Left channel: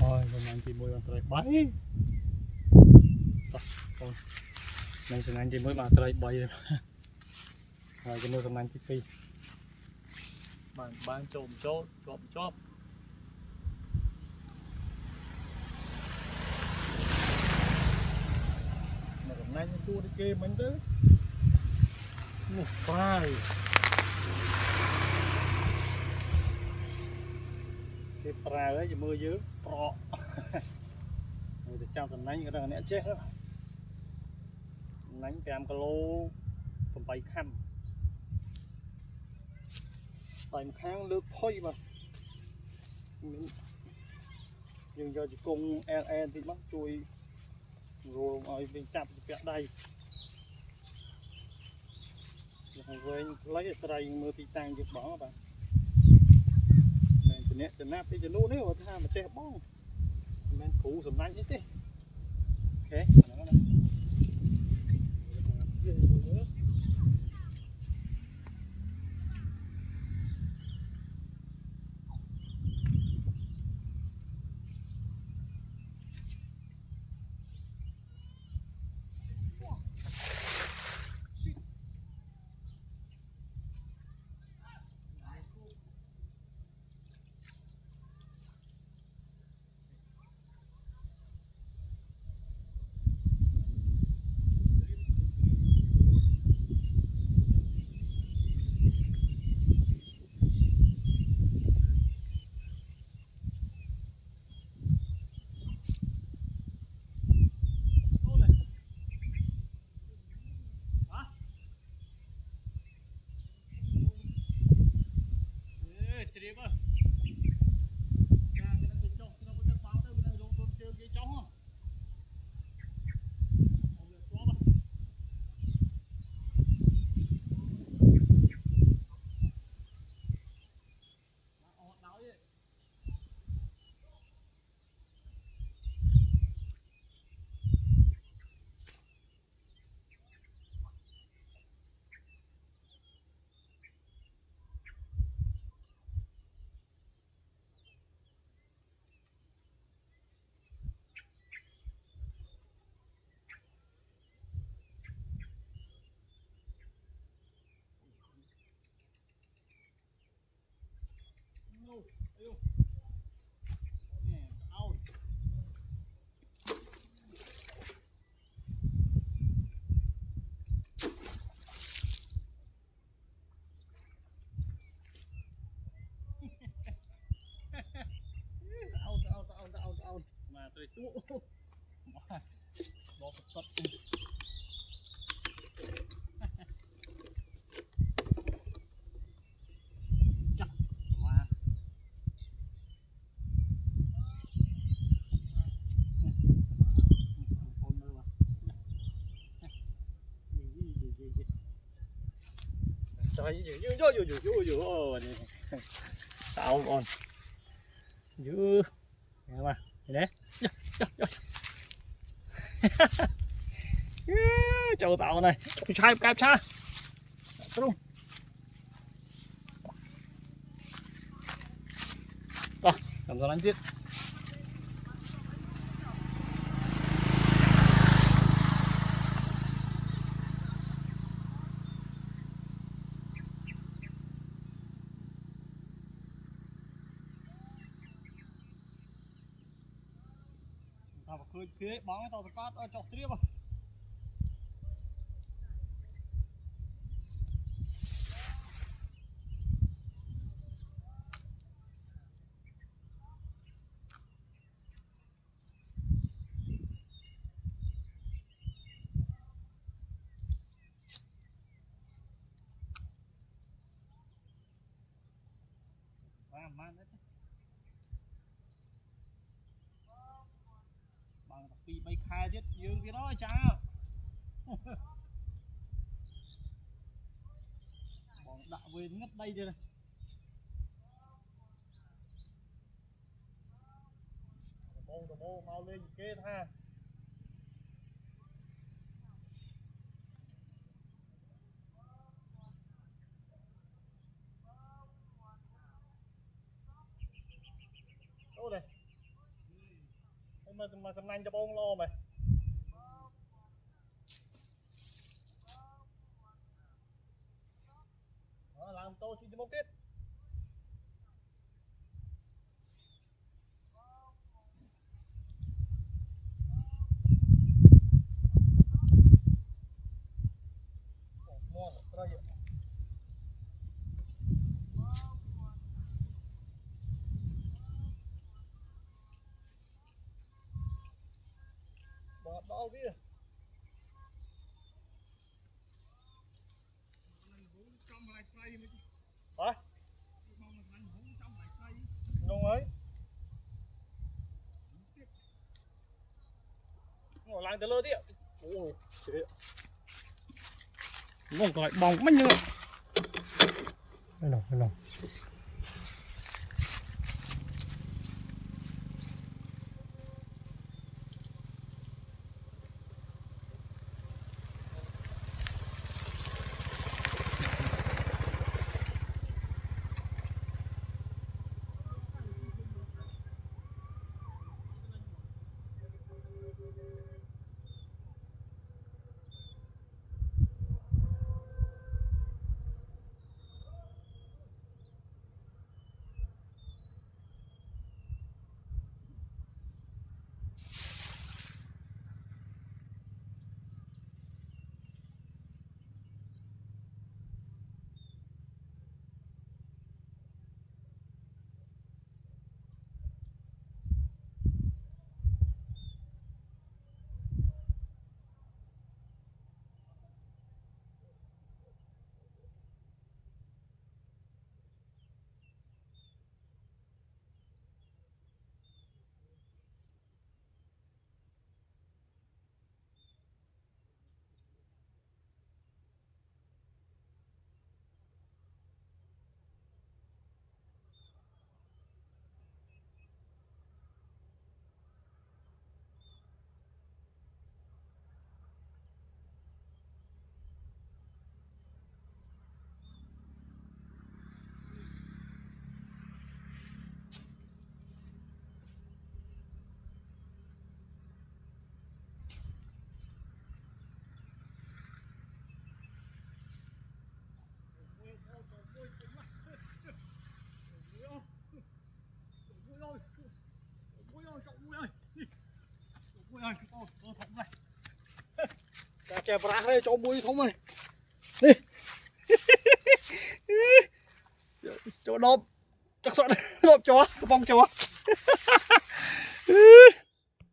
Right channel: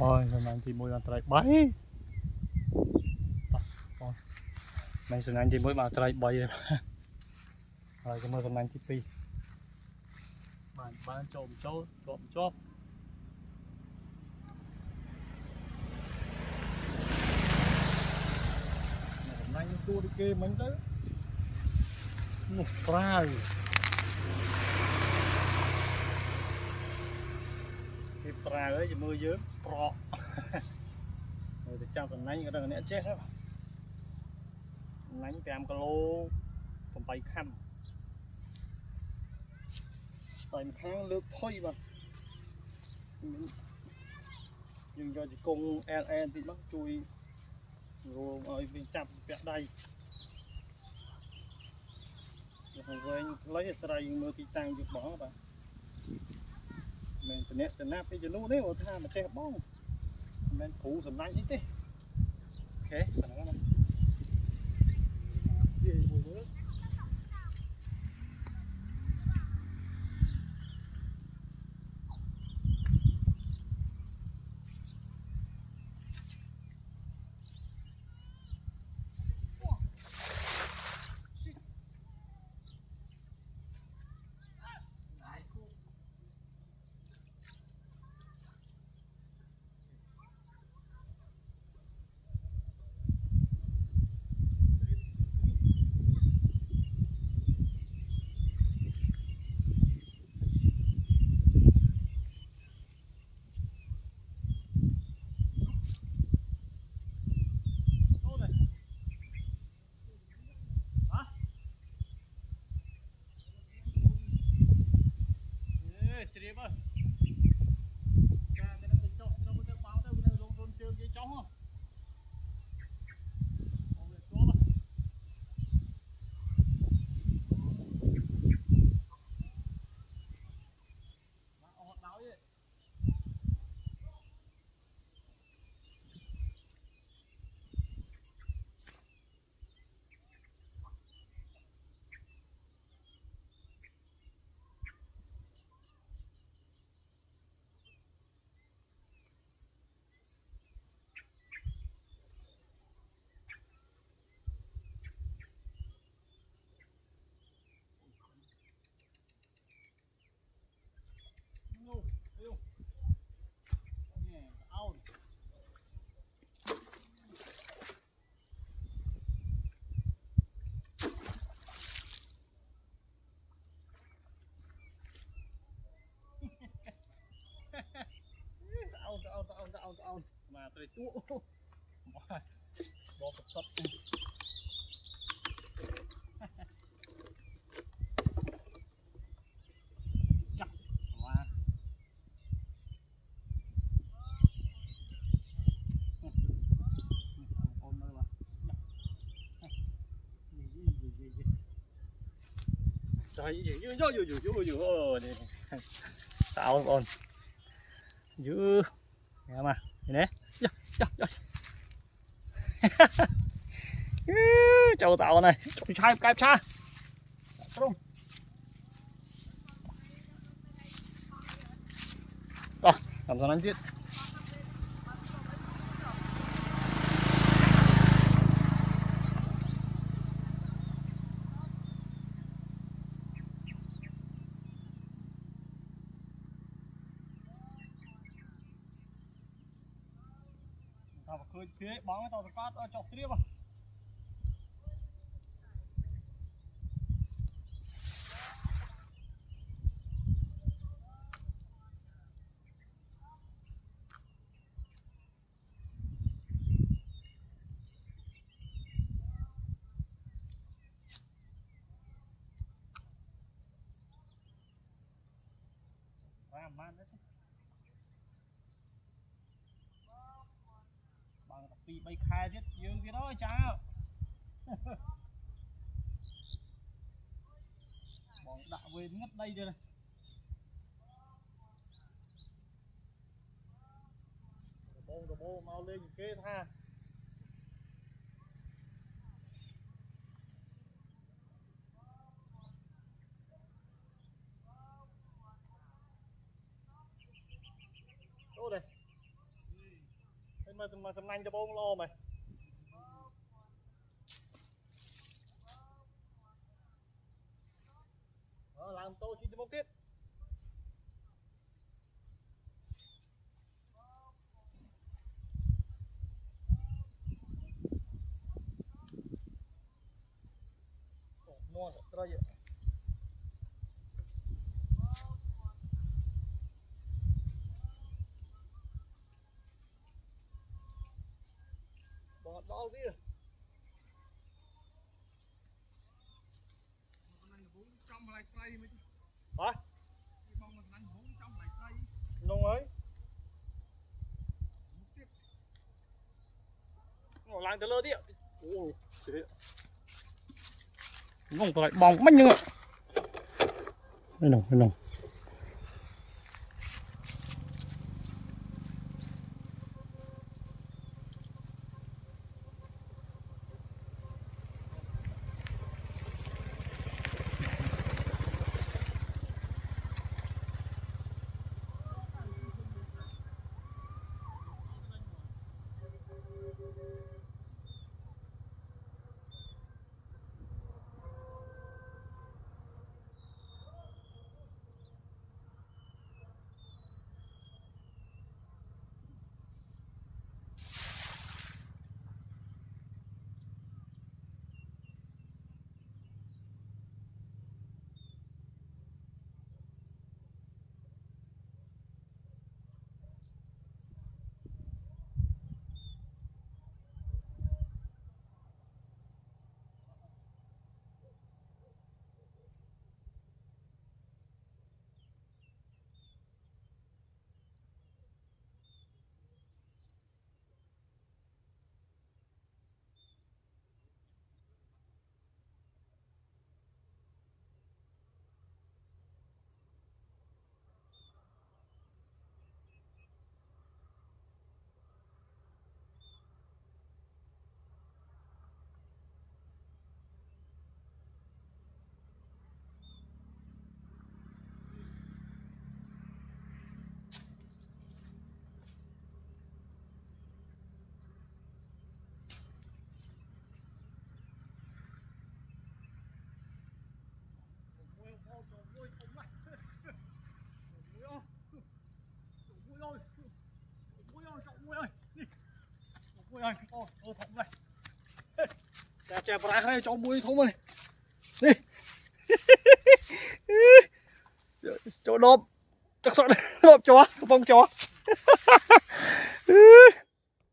Ôi, hôm nay thì môi bàn tay bay. Con, mình hôm nay thì môi bàn tay bay rồi. Rồi cái môi hôm nay thì pi. Bàn trộm chốt. Hôm nay tua đi kê mình đó. Ngủ prai. Cái prai ấy thì mưa dướng, pro. Rồi thì trong tuần này cái đó nè chết đó. Nánh 5 kg 8 khăn. Tại một tháng lướt thôi mà. Nhưng cho chỉ cung en thì mắc chui rồi ở bên chặt vẹt đây. Rồi lấy sợi mưa tí tăng dục bỏ bạn. Mình từ nắp cái nô đấy mà tha mà che bóng. Mình cũ sầm lạnh chứ. Ok, phần đó. Trì bơ. Cái nó chọc nó mới báo tới nó lông thôn chơi cái chó không? Ông việc chó bơ. Họ đáo vậy. No, ayo. Nè, out. Out. Mà tôi tụ. Bỏ sập. Chắc. Mà. Ôn nữa mà. Gì. Trời gì. Tao ôn. Dữ. Nghe mà. Nè. Châu tàu này. Cạp xa. Không. Rồi, làm sao đánh tiếp. Tao phải khơi phía bóng tao phải cắt chọc tiếp à. Man đấy. Bằng bị bay khai chết dương cái đó chào. Bọn đạo về ngất đây rồi này. Đồ bô mau lên kê tha. Đâu đây. mà sầm nanh cho bông lo mày làm tô chi cho bông kết mua rồi vậy đó kia hả nông ấy ngồi lang tới lơ đi ạ ồ nông lại bong mất nhưng ạ đây nồng chè bạc đây cho bùi không này đi cho đốp chắc sợ đốp chó bông chó